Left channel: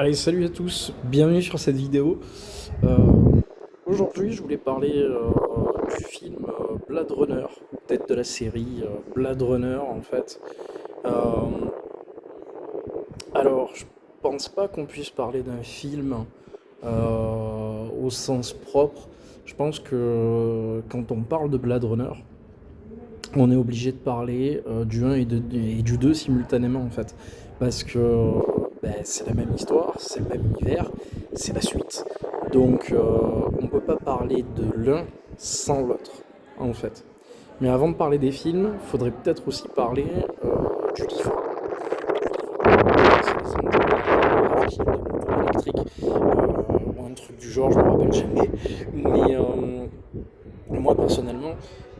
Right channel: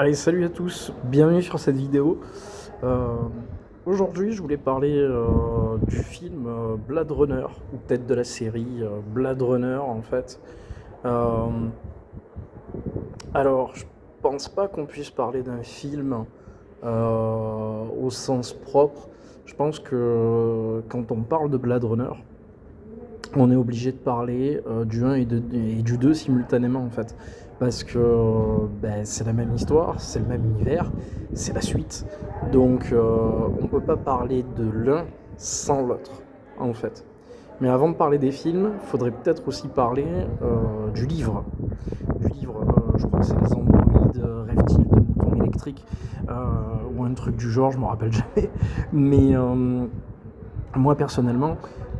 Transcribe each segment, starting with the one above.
Allez, salut à tous, bienvenue sur cette vidéo. Euh, Aujourd'hui, je voulais parler du film Blade Runner, ou peut-être de la série Blade Runner en fait. Euh, alors, je pense pas qu'on puisse parler d'un film au sens propre. Je pense que quand on parle de Blade Runner, on est obligé de parler du 1 et du 2 simultanément en fait. Parce que ben, c'est la même histoire, c'est le même univers, c'est la suite. Donc on ne peut pas parler de l'un sans l'autre en fait. Mais avant de parler des films, il faudrait peut-être aussi parler du livre. Du livre, c'est les ondes électriques ou un truc du genre, je ne me rappelle jamais. Mais moi personnellement,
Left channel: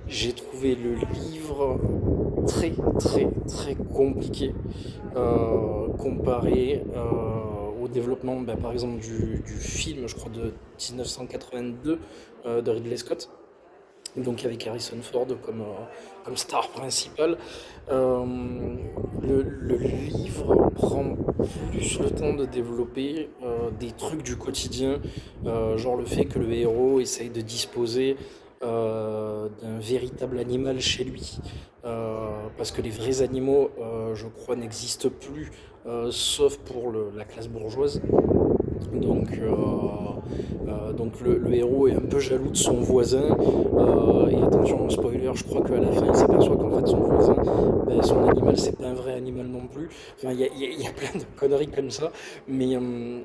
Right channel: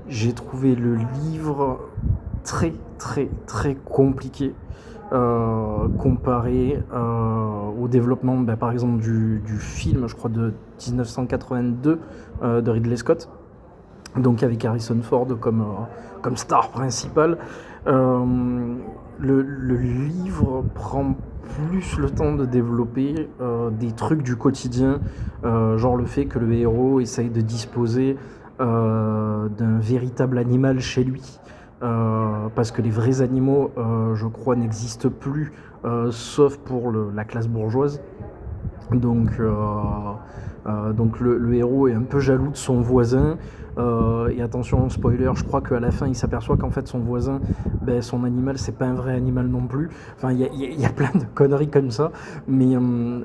j'ai trouvé le livre très très très compliqué comparé au développement par exemple du film, je crois de 1982 de Ridley Scott, donc avec Harrison Ford comme star principale. Euh, le livre prend plus le temps de développer des trucs du quotidien, genre le fait que le héros essaye de disposer d'un véritable animal chez lui. Parce que les vrais animaux, je crois, n'existent plus, sauf pour la classe bourgeoise. Donc, le héros est un peu jaloux de son voisin. Et attention, spoiler, je crois qu'à la fin, il s'aperçoit qu'en fait, son voisin, ben, son animal, c'est pas un vrai animal non plus. Enfin, il y a plein de conneries comme ça. Mais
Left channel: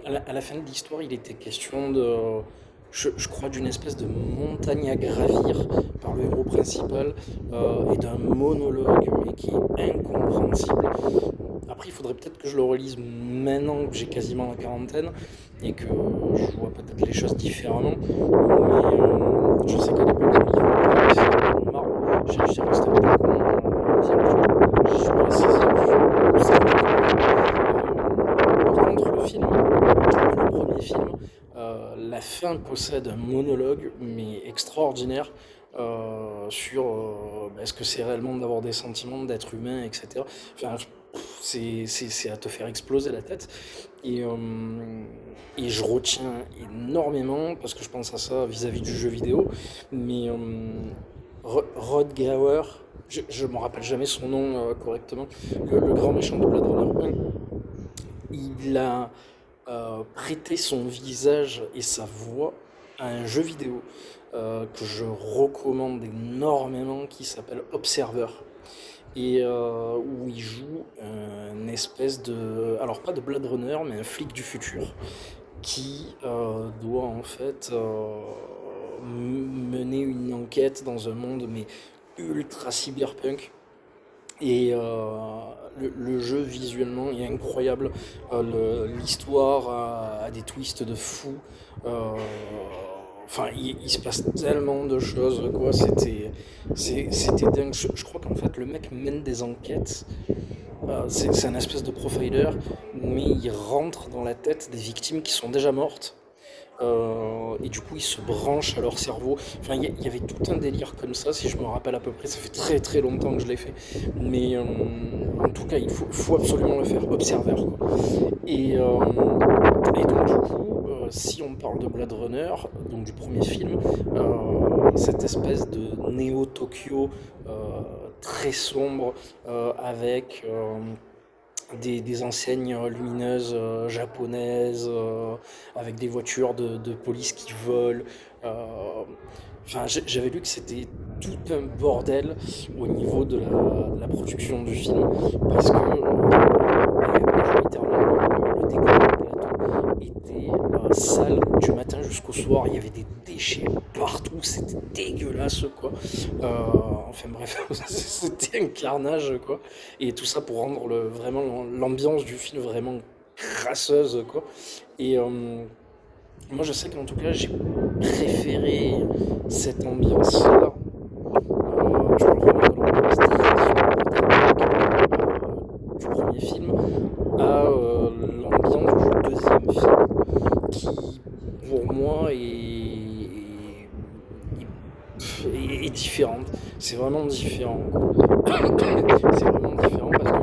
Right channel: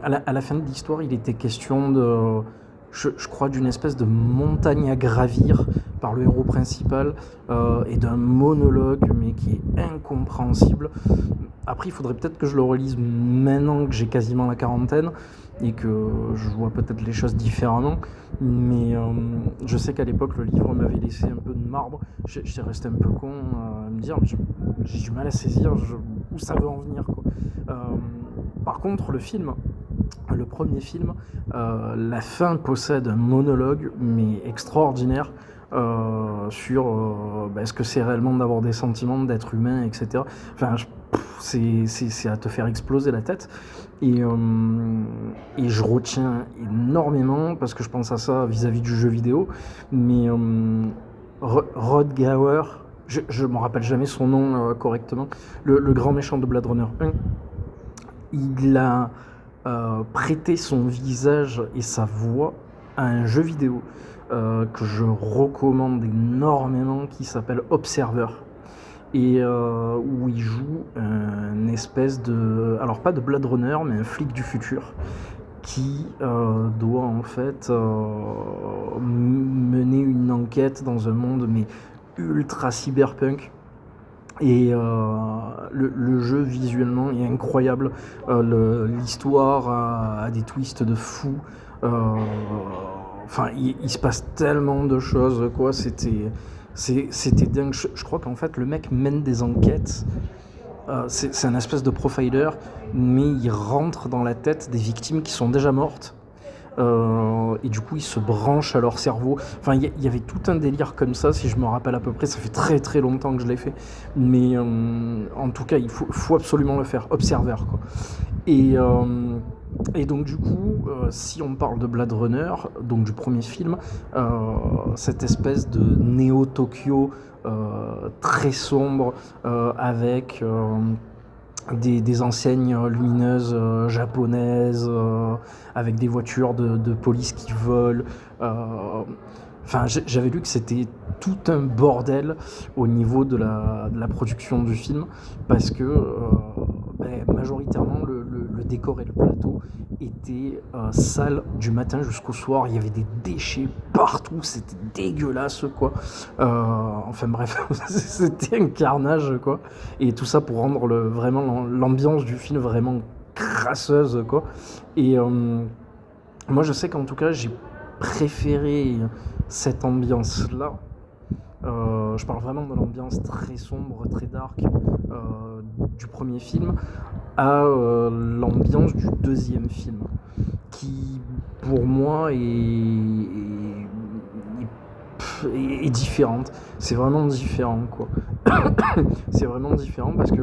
à la fin de l'histoire, il était question de. Je crois d'une espèce de montagne à gravir par le héros principal et d'un monologue mais qui est incompréhensible. Après, il faudrait peut-être que je le relise maintenant que j'ai quasiment la quarantaine et que je vois peut-être les choses différemment. Mais je sais qu'à l'époque, le livre m'avait laissé une marbre. J'ai resté un peu con à me dire que je suis pas la saisir. Je sais pas Par contre, le premier film, la fin possède un monologue, mais extraordinaire, sur ce que c'est réellement d'avoir des sentiments, d'être humain, etc. Enfin, c'est à te faire exploser la tête. Et, euh, et je retiens énormément, parce que je pense à ça vis-à-vis du jeu vidéo, mais Rod Gower, je me rappelle jamais son nom correctement, le grand méchant de Blade Runner 1, il a prêté son visage et sa voix à un jeu vidéo que je recommande énormément qui s'appelle Observer et où il joue une espèce de, alors pas de Blade Runner mais un flic du futur qui doit en fait mener une enquête dans un monde mais ultra cyberpunk. Et le jeu visuellement est incroyable. L'histoire a des twists de fou. Euh, Enfin, il se passe tellement de choses, quoi. C'était dingue. Je crois qu'en fait, le mec mène des enquêtes. C'est un espèce de profiler, mais il rentre dans la tête des victimes qui sont déjà mortes. Et du coup, ils se branchent à leur cerveau. Enfin, il y avait tout un délire comme ça, si je me rappelle à peu près. Ça fait très très longtemps que je l'ai fait. Mais en tout cas, il faut absolument le faire. Observer, quoi. Et, euh, et donc, du coup, si on parle de Blade Runner, donc du premier film, cette espèce de néo-Tokyo très sombre, avec des enseignes lumineuses japonaises, avec des voitures de police qui volent. Enfin, j'avais lu que c'était tout un bordel au niveau de la production du film, parce que majoritairement le décor du plateau était sale du matin jusqu'au soir. Il y avait des déchets partout, c'était dégueulasse quoi. Enfin bref, c'était un carnage quoi. Et tout ça pour rendre vraiment l'ambiance du film vraiment crasseuse quoi. Et moi je sais qu'en tout cas j'ai préféré cette ambiance là. Je parle vraiment de l'ambiance du premier film à l'ambiance du deuxième film qui pour moi est différente. C'est vraiment différent quoi. C'est vraiment différent parce que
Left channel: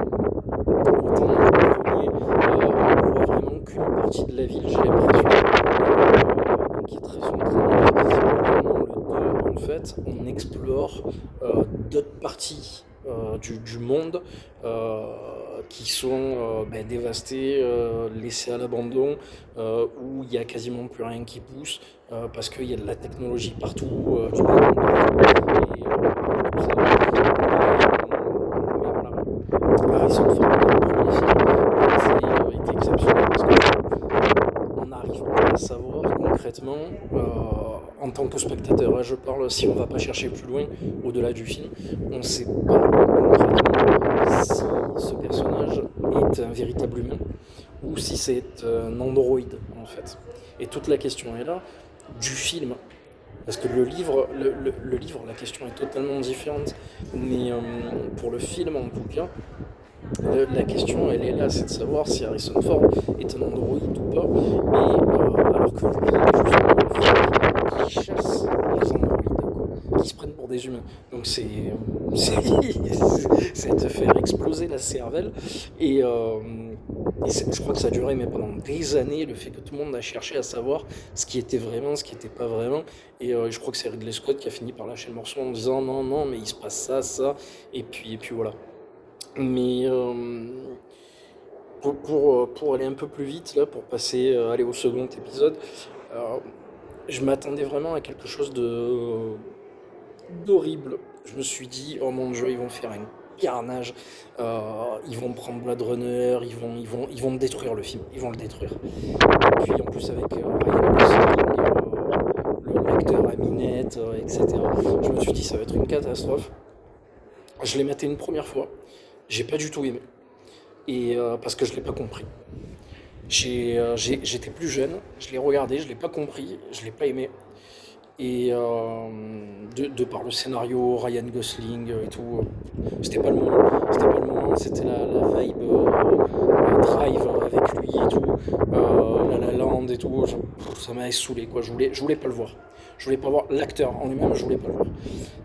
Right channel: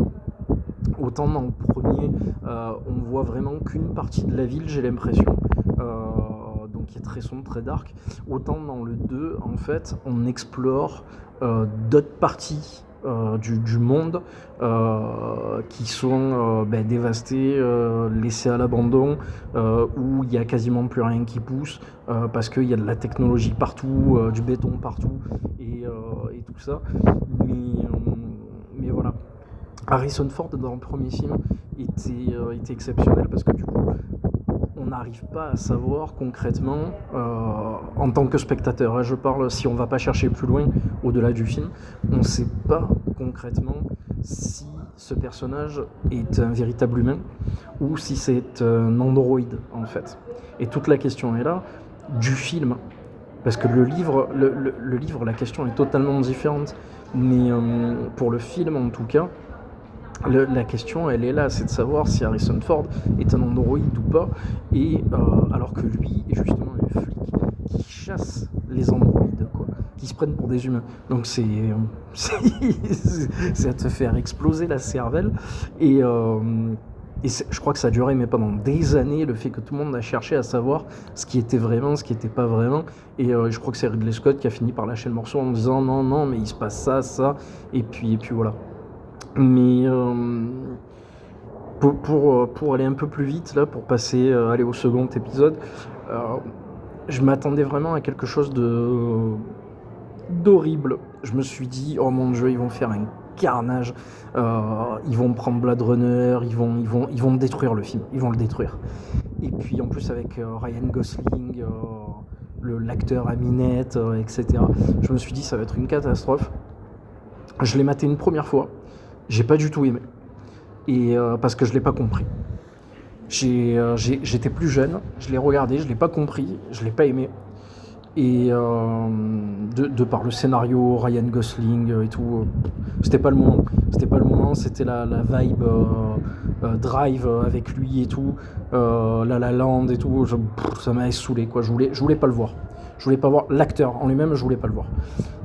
autant dans le premier, on voit vraiment qu'une partie de la ville, j'ai l'impression, qui est très sombre, très dark. Autant dans le 2, en fait, on explore d'autres parties du monde qui sont dévastées, laissées à l'abandon, où il n'y a quasiment plus rien qui pousse, parce qu'il y a de la technologie partout, du béton partout, et tout ça. Mais voilà. Harrison Ford, dans le premier film, était exceptionnel parce qu'on n'arrive pas à savoir concrètement, en tant que spectateur, hein, je parle, si on ne va pas chercher plus loin, au-delà du film, on ne sait pas concrètement si ce personnage est un véritable humain ou si c'est un androïde en fait. Et toute la question est là, du film, parce que le livre, la question est totalement différente, mais pour le film en tout cas, la question, elle est là, c'est de savoir si Harrison Ford est un androïde ou pas, et alors que lui, justement, il chasse les androïdes, quoi, qui se prennent pour des humains. Donc c'est à te faire exploser la cervelle, et je crois que ça a duré, mais pendant des années, le fait que tout le monde a cherché à savoir ce qui était vraiment, ce qui n'était pas vraiment, et je crois que c'est Ridley Scott qui a fini par lâcher le morceau en disant non, mais il se passe ça, et puis voilà. Mais pour aller un peu plus vite, là, pour aller au second épisode, je m'attendais vraiment à quelque chose d'horrible. Je me suis dit, oh mon Dieu, ils vont faire un carnage, ils vont prendre Blade Runner, ils vont détruire le film, ils vont le détruire. Et puis en plus avec Ryan Gosling, l'acteur Aminette, etc. Je me suis dit, ça va être une catastrophe. Je l'ai maté une première fois. J'ai pas du tout aimé, et parce que je l'ai pas compris. J'étais plus jeune, je l'ai regardé, je l'ai pas compris, je l'ai pas aimé, et de par le scénario, Ryan Gosling et tout, c'était pas le moment, c'était la vibe Drive avec lui et tout, La La Land et tout, ça m'avait saoulé quoi, je voulais pas le voir, je voulais pas voir l'acteur en lui-même, je voulais pas le voir.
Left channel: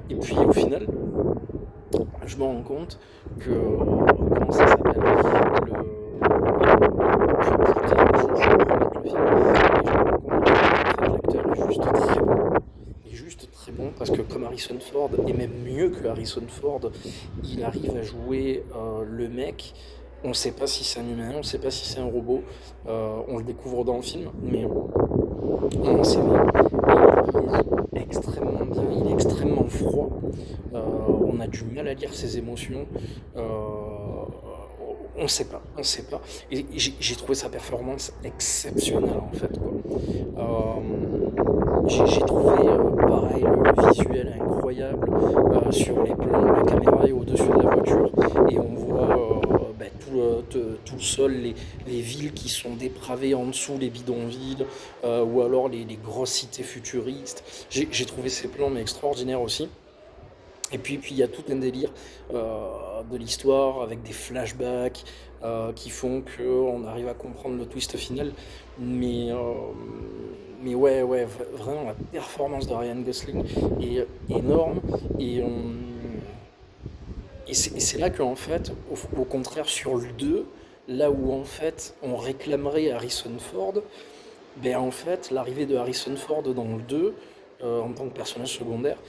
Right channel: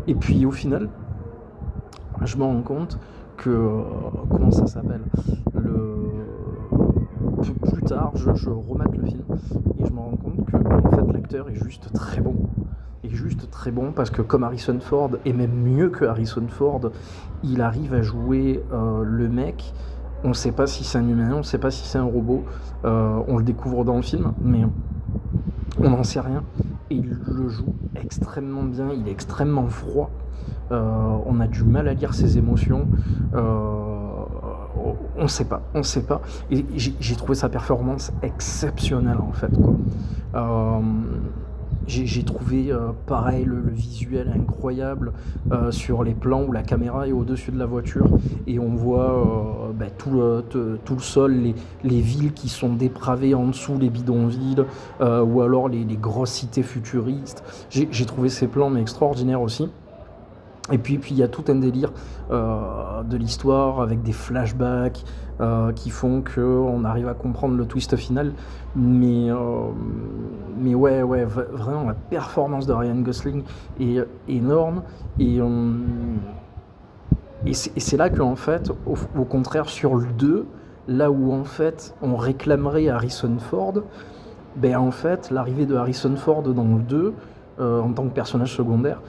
Et puis au final, je me rends compte que comment ça s'appelle, plus tard je remate le film et je me rends compte que l'acteur est juste très bon, parce que comme Harrison Ford, et même mieux que Harrison Ford, il arrive à jouer le mec. On ne sait pas si c'est un humain, on ne sait pas si c'est un robot, on le découvre dans le film, mais on n'en sait rien. Et il le joue extrêmement bien, il est extrêmement froid, on a du mal à lire ses émotions, on sait pas. Et j'ai trouvé sa performance exceptionnelle en fait, quoi. J'ai trouvé pareil le visuel incroyable, sur les plans, la caméra est au-dessus de la voiture et on voit tout le sol, les villes qui sont dépravées en dessous, les bidonvilles, ou alors les grosses cités futuristes. J'ai trouvé ces plans mais extraordinaires aussi. Et puis il y a tout un délire de l'histoire avec des flashbacks qui font qu'on arrive à comprendre le twist final. Mais ouais, vraiment la performance de Ryan Gosling est énorme. Et c'est là qu'en fait, au contraire sur le 2, là où en fait on réclamerait Harrison Ford, en fait l'arrivée de Harrison Ford dans le 2 en tant que personnage secondaire,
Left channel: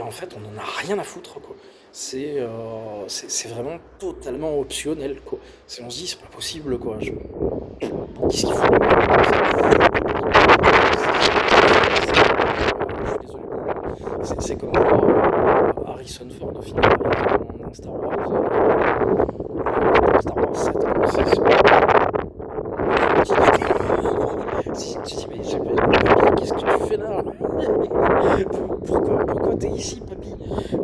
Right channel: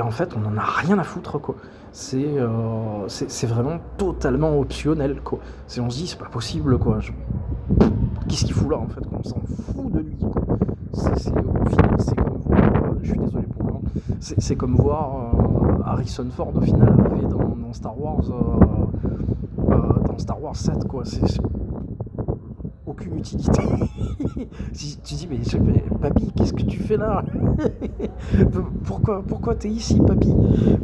en fait on en a rien à foutre quoi. C'est vraiment totalement optionnel quoi. On se dit c'est pas possible quoi. Qu'est-ce qu'il faut là ? Je suis désolé. C'est comme voir Harrison Ford au final dans Star Wars, Star Wars 7 quoi. Tu dis mais papy, qu'est-ce que tu fais là? Pourquoi t'es ici papy?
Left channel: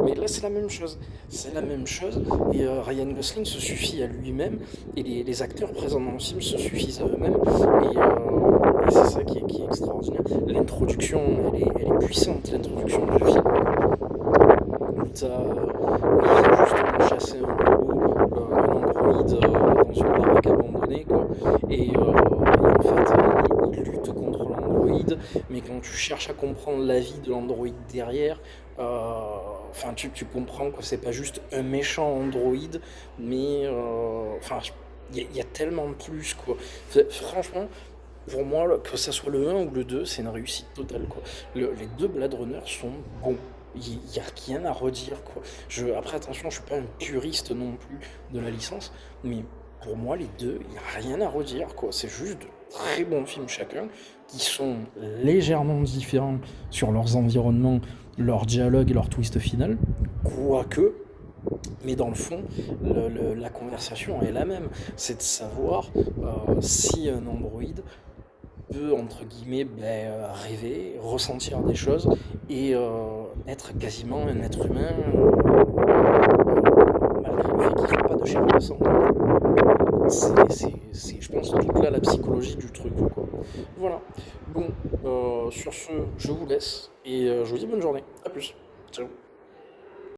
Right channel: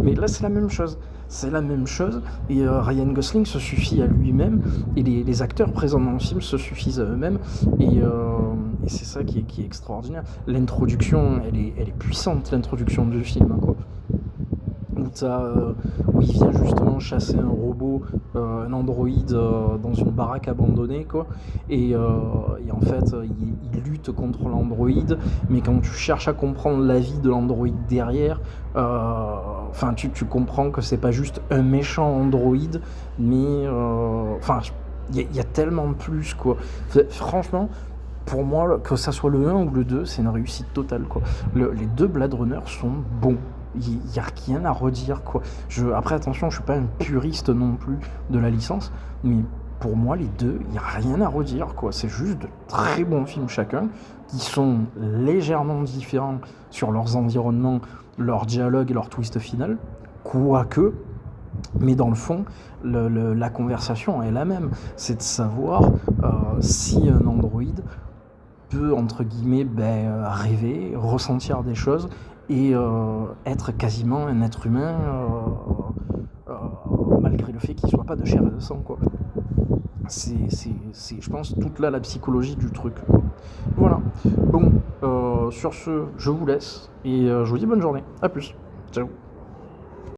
Mais là c'est la même chose, et Ryan Gosling se suffit à lui-même, et les acteurs présents dans le film se suffisent à eux-mêmes, et c'est ça qui est extraordinaire. L'introduction, elle est puissante, l'introduction du film, où il vient justement chasser un robot, un androïde, dans une baraque abandonnée quoi, et en fait il lutte contre l'androïde, mais quand tu cherches à comprendre la vie de l'androïde derrière, tu comprends que c'est pas juste un méchant androïde, mais Il y a tellement de plus, quoi. Franchement, pour moi, que ça soit le un ou le 2, c'est une réussite totale, quoi. Les deux Blade Runner sont bons. Il n'y a rien à redire, quoi. Après, attention, je suis pas un puriste non plus de la licence, mais pour moi, les deux, il n'y a rien à redire, quoi. C'est juste de très bons films chacun, qui sont légèrement différents sur leurs environnements, leur dialogue et leur twist final, quoique, mais dans le fond, la conversation est la même. C'est de savoir si un androïde peut, entre guillemets, rêver, ressentir des choses et être quasiment un être humain, malgré le fait qu'il ne soit pas de chair et de sang. C'est, je pense, toute là la psychologie du truc, quoi. Voilà. Bon, sur ce, je vous laisse et je vous dis bonne journée. A plus. Ciao.